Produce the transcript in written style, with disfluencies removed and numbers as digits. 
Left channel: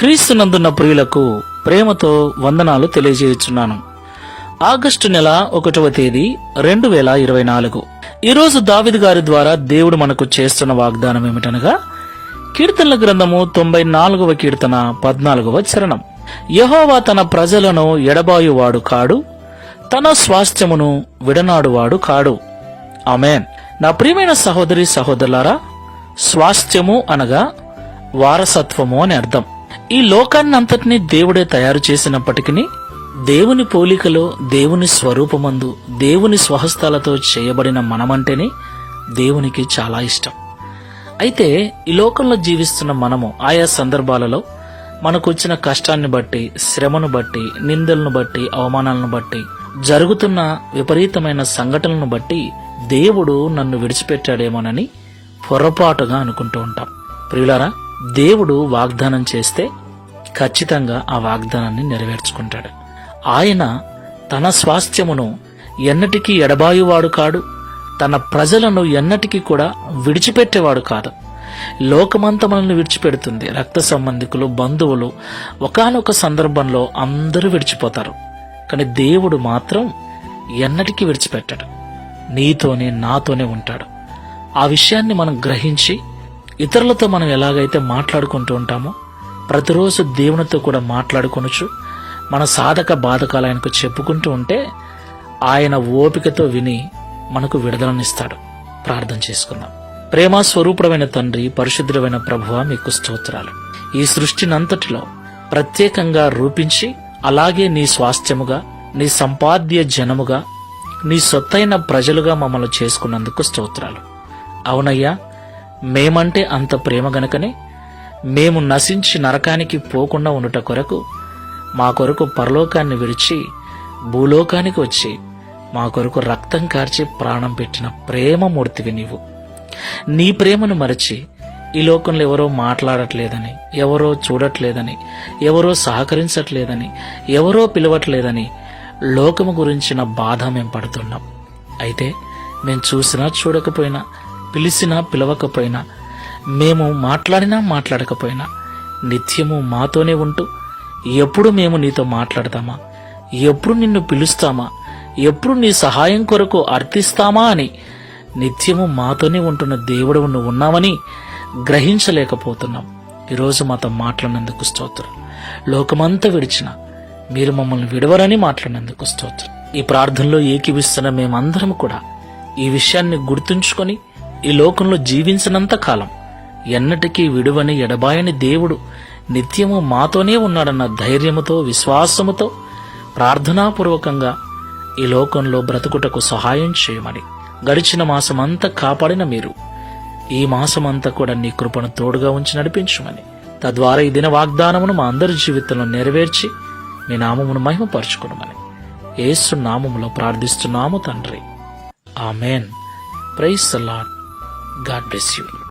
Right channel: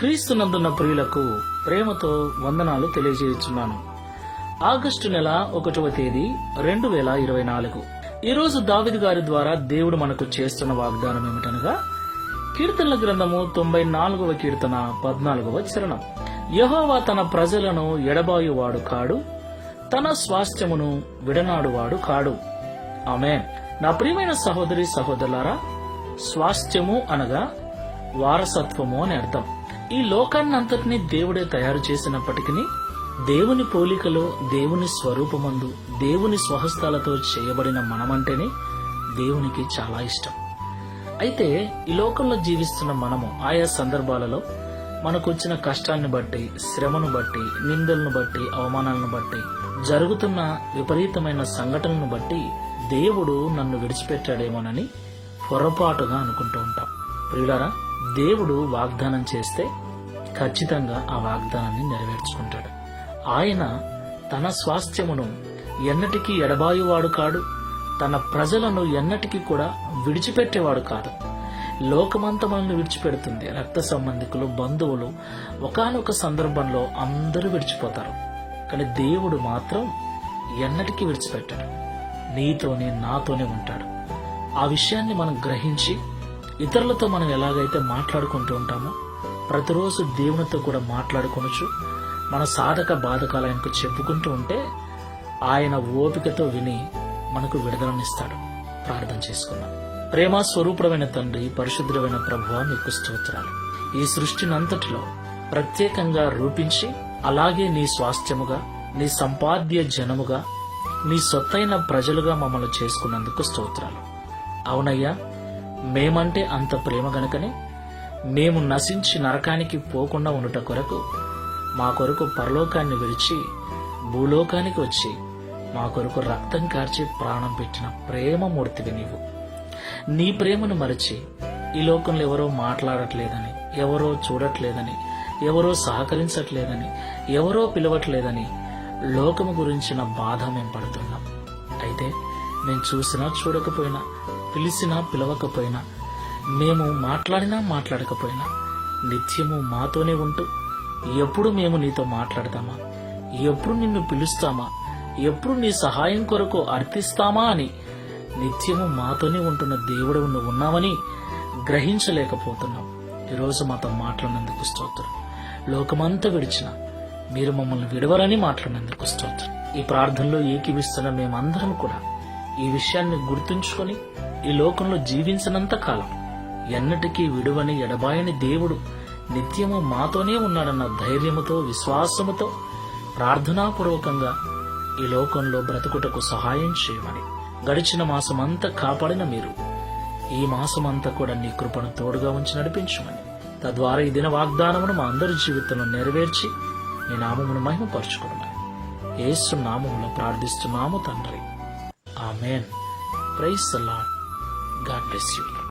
క్రీస్తునందున్న ప్రియులకు ప్రేమతో వందనాలు తెలియజేయుచున్నాను. ఆగస్టు నెల 1వ తేదీ 2024. ఈరోజు దావీదు గారి ద్వారా దేవుడు మనకు చేస్తున్న వాగ్దానం ఏమిటనగా, కీర్తనల గ్రంథము 94వ కీర్తన 14వ చరణం. యెహోవా తన ప్రజలను ఎడబాయువాడు కాడు, తన స్వాస్థ్యమును విడనాడువాడు కాడు. ఆమేన్. నా ప్రియమైన సహోదరి సహోదరులారా, స్వాస్థ్యము అనగా వారసత్వము అని అర్థం. ఈ లోకాన్నంతటినీ దేవుడే తయారు చేసినప్పటికీ దేవుని పోలికలో, దేవుని స్వరూపమందు, దేవుని స్వహస్తాలతో చేయబడిన మనమంటేనే దేవునికి చాలా ఇష్టం. అయితే ఈ లోకంలో జీవిస్తున్న మనము ఆయా సందర్భాలలో మనకు వచ్చిన కష్టాన్ని బట్టి, శ్రమను బట్టి, నిందలను బట్టి, అవమానాలను బట్టి, జరుగుతున్న విపరీతమైన సంఘటనలను బట్టి దేవుడు నన్ను విడిచిపెట్టాడేమోనని పొరపాటుగా అనుకుంటూ ఉంటాం. ప్రియులారా, దేవుడు వాగ్దానం చేస్తే ఖచ్చితంగా ఆ వాగ్దానాన్ని నెరవేర్చుకుంటాడు. ఆయన తన స్వాస్థ్యమును ఎన్నటికీ ఎడబాయువాడు కాడు, తన ప్రజలను ఎన్నటికీ కూడా విడిచిపెట్టేవాడు కాదు. లోకమంతా మనల్ని విడిచిపెడుతుంది. రక్త సంబంధికులు, బంధువులు ఒకానొక సందర్భంలో అందరూ విడిచిపోతారు. కానీ దేవుడు మాత్రం ఎన్నటికీ విడిచిపెట్టాడు. నీతోనే, నాతోనే ఉంటాడు. ఆ విషయాన్ని మనం గ్రహించి ఇతరులతో మనం ఎలాగైతే మాట్లాడుకుంటూ ఉంటామో, ప్రతిరోజు దేవునితో కూడా మాట్లాడుకొనొచ్చు. మన సాధక బాధకాలు ఆయనకు చెప్పుకుంటూ ఉంటే ఆయన ఓపికతో విని మనకు విడుదలనిస్తాడు. ప్రార్థన చేసుకుందాం. ప్రేమ స్వరూపుడమైన తండ్రి, పరిశుద్ధుడైన ప్రభువా, మీకు స్తోత్రాలు. ఈ సృష్టినంతటిలో ప్రత్యేకంగా రూపించి, అలాగే నీ స్వాస్థ్యముగా, నీ సంపాద్య జనముగా, నీ సొత్తైన ప్రజలుగా మమ్మల్ని చేసుకున్నందుకు స్తోత్రాలు. అవునయ్యా, మేమంటే అంత ప్రేమ గనుకనే మేము నశించి నరకానికి పోకుండా ఉండుట కొరకు, మా కొరకు పరలోకాన్ని విడిచి భూలోకానికి వచ్చి మా కొరకు రక్తం కార్చి ప్రాణం పెట్టిన ప్రేమమూర్తివి నీవు. నీ ప్రేమను మరచి ఈ లోకంలో ఎవరో మాట్లాడట్లేదని, ఎవరో చూడట్లేదని, ఎవరో సహకరించట్లేదని, ఎవరో పిలవట్లేదని లోకము గురించిన బాధ మేము పడుతున్నాం. అయితే మేము చూసినా చూడకపోయినా, పిలిచినా పిలవకపోయినా, మేము మాట్లాడినా మాట్లాడకపోయినా నిత్యము మాతోనే ఉంటూ, ఎప్పుడు మేము నీతో మాట్లాడతామా, ఎప్పుడు నిన్ను పిలుస్తామా, ఎప్పుడు నీ సహాయం కొరకు అర్థిస్తామా అని నిత్యము మాతోనే ఉంటున్న దేవుడు నువ్వు ఉన్నావని గ్రహించలేకపోతున్నాం. ఈరోజు మాతో మాట్లాడినందుకు స్తోత్రం. లోకమంతా విడిచిన మీరు మమ్మల్ని విడవరని మాట్లాడినందుకు స్తోత్రం. ఈ ప్రార్థనలో ఏకీవిస్తున్న మేమందరం కూడా ఈ విషయాన్ని గుర్తుంచుకొని ఈ లోకంలో జీవించినంత కాలం ఎన్నటికీ విడువని, ఎడబాయని దేవుడు నిత్యము మాతోనే ఉన్నాడన్న ధైర్యముతో, విశ్వాసముతో ప్రార్థనాపూర్వకంగా ఈ లోకంలో బ్రతుకుటకు సహాయం చేయమని, గడిచిన మాసమంతా కాపాడిన మీరు ఈ మాసమంతా కూడా నీ కృపను తోడుగా ఉంచి నడిపించమని, తద్వారా ఈ దిన వాగ్దానమును మా అందరి జీవితంలో నెరవేర్చి నీ నామమును మహిమపరచుకోమని యేసు నామములో ప్రార్థిస్తున్నాము తండ్రి. ఆమేన్. Praise the lord. God bless you.